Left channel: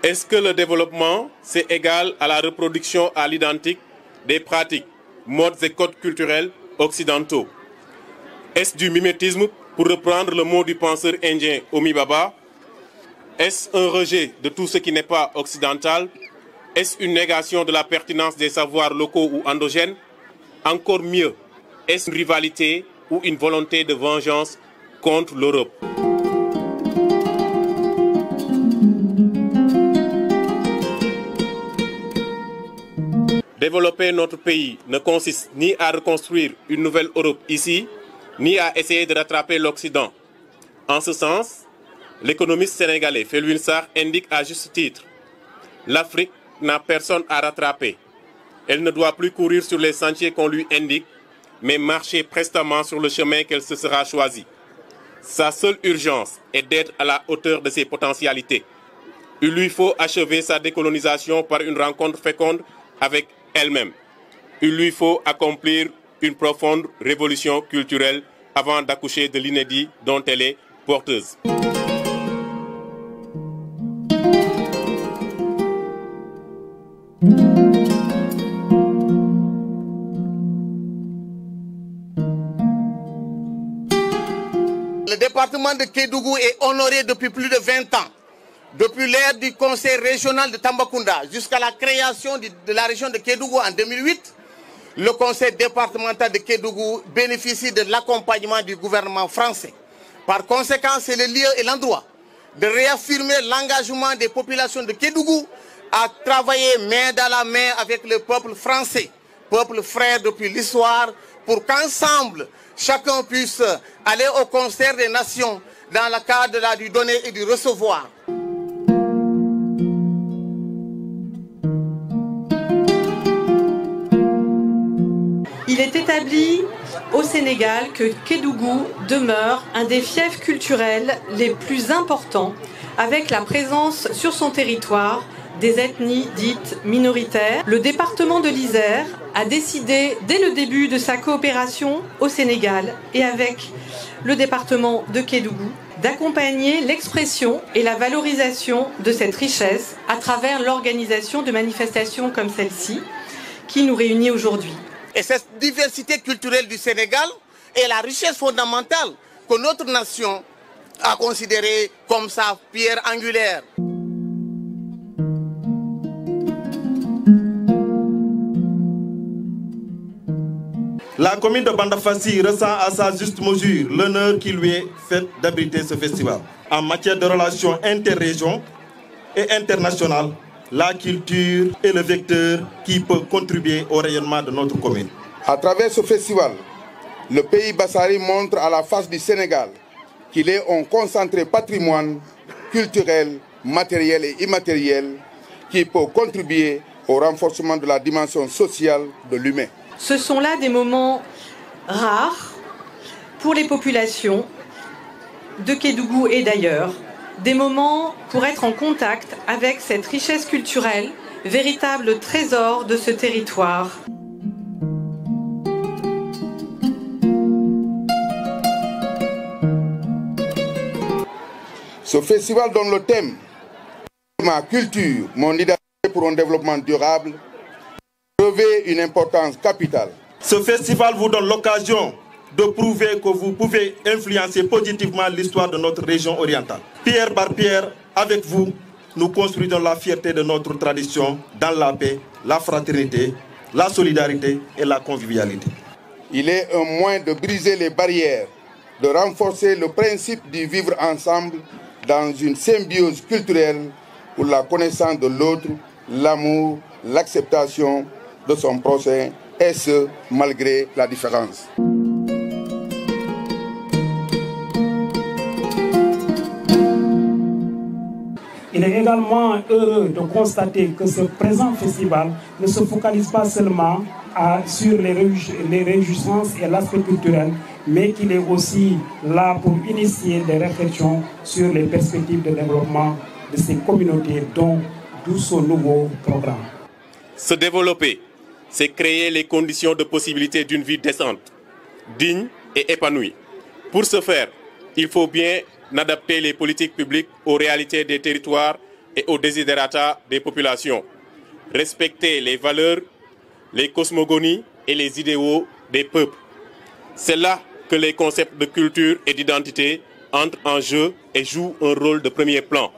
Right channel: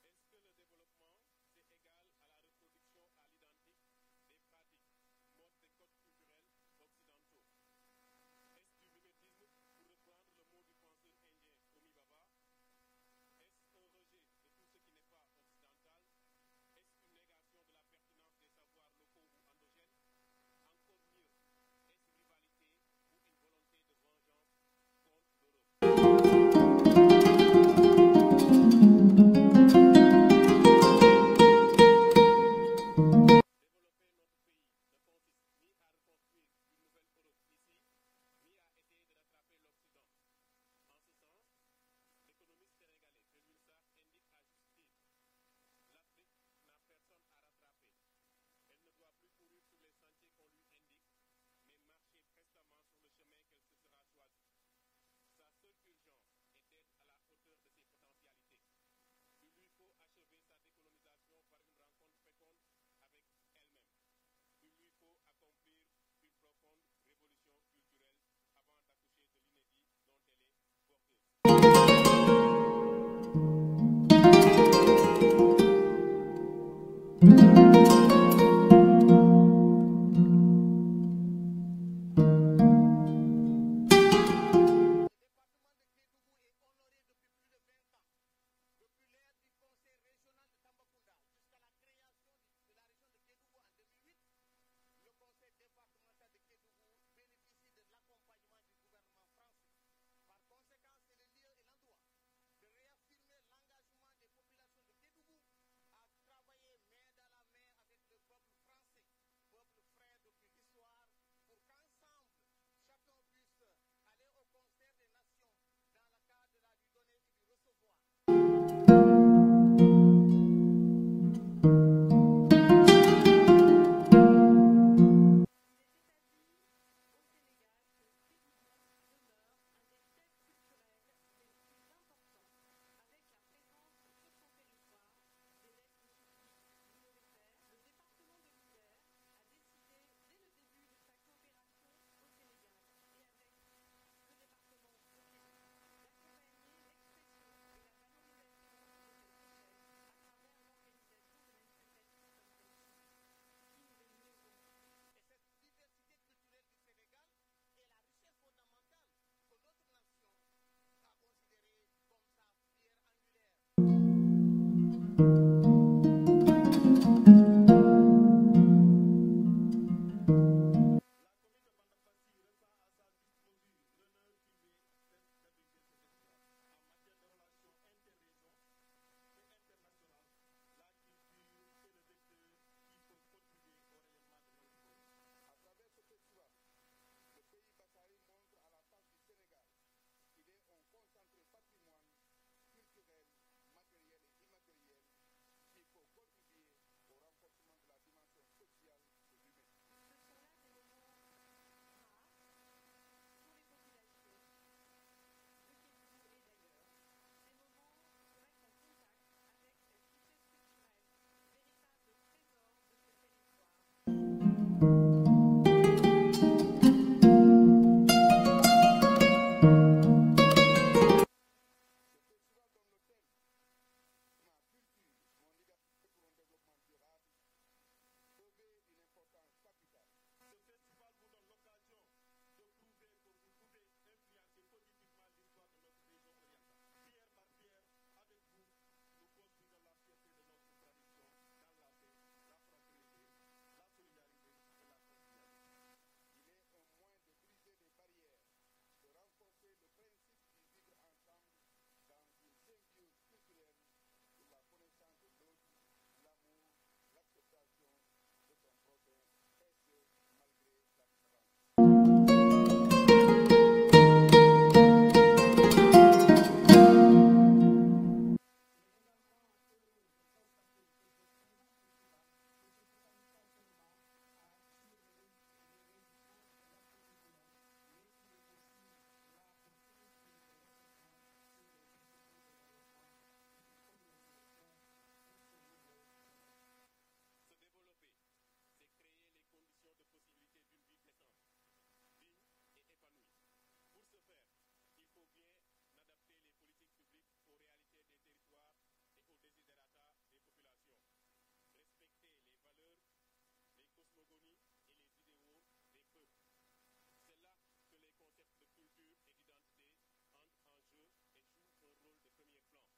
Est-ce que le développement, c'est égal à la reproduction à l'identique des pratiques, modes et codes culturels occidentaux? Est-ce du mimétisme, pour reprendre le mot du penseur indien Homi Bhabha? Est-ce un rejet de tout ce qui n'est pas occidental? Est-ce une négation de la pertinence des savoirs locaux ou endogènes? Encore mieux, est-ce une rivalité ou une volonté de vengeance contre l'Europe? Développer notre pays ne consiste ni à reconstruire une nouvelle Europe ici, ni à essayer de rattraper l'Occident. En ce sens, l'économiste sénégalais Felwine Sarr indique à juste titre: l'Afrique n'a personne à rattraper. Elle ne doit plus courir sur les sentiers qu'on lui indique, mais marcher prestement sur le chemin qu'elle se sera choisi. Sa seule urgence est d'être à la hauteur de ses potentialités. Il lui faut achever sa décolonisation par une rencontre féconde avec elle-même. Il lui faut accomplir une profonde révolution culturelle avant d'accoucher de l'inédit dont elle est porteuse. Le département de Kédougou est honoré depuis plus de 20 ans. Depuis l'ère du conseil régional de Tambacounda jusqu'à la création de la région de Kédougou en 2008, le conseil départemental de Kédougou bénéficie de l'accompagnement du gouvernement français. Par conséquent, c'est le lieu et l'endroit de réaffirmer l'engagement des populations de Kédougou à travailler main dans la main avec le peuple français, peuple frère depuis l'histoire, pour qu'ensemble, chacun puisse aller au concert des nations dans le cadre du donner et du recevoir. Il est établi au Sénégal que Kédougou demeure un des fiefs culturels les plus importants, avec la présence sur son territoire des ethnies dites minoritaires. Le département de l'Isère a décidé, dès le début de sa coopération au Sénégal et avec le département de Kédougou, d'accompagner l'expression et la valorisation de cette richesse à travers l'organisation de manifestations comme celle-ci qui nous réunit aujourd'hui. Et cette diversité culturelle du Sénégal est la richesse fondamentale que notre nation a considérée comme sa pierre angulaire. La commune de Bandafassi ressent à sa juste mesure l'honneur qui lui est fait d'abriter ce festival. En matière de relations interrégions et internationales, la culture est le vecteur qui peut contribuer au rayonnement de notre commune. À travers ce festival, le pays Bassari montre à la face du Sénégal qu'il est un concentré patrimoine culturel, matériel et immatériel qui peut contribuer au renforcement de la dimension sociale de l'humain. Ce sont là des moments rares pour les populations de Kédougou et d'ailleurs. Des moments pour être en contact avec cette richesse culturelle, véritable trésor de ce territoire. Ce festival donne le thème « Ma culture, mon identité pour un développement durable » revêt une importance capitale. Ce festival vous donne l'occasion de prouver que vous pouvez influencer positivement l'histoire de notre région orientale. Pierre par pierre, avec vous, nous construisons la fierté de notre tradition dans la paix, la fraternité, la solidarité et la convivialité. Il est un moyen de briser les barrières, de renforcer le principe du vivre ensemble dans une symbiose culturelle pour la connaissance de l'autre, l'amour, l'acceptation de son prochain, et ce, malgré la différence. Ina également heureux de constater que ce présent festival ne se focalise pas seulement sur les réjouissances et l'aspect culturel, mais qu'il est aussi là pour initier des réflexions sur les perspectives de développement de ces communautés, d'où ce nouveau programme. Se développer, c'est créer les conditions de possibilité d'une vie décente, digne et épanouie. Pour ce faire, il faut bien adapter les politiques publiques aux réalités des territoires et aux desiderata des populations. Respecter les valeurs, les cosmogonies et les idéaux des peuples. C'est là que les concepts de culture et d'identité entrent en jeu et jouent un rôle de premier plan.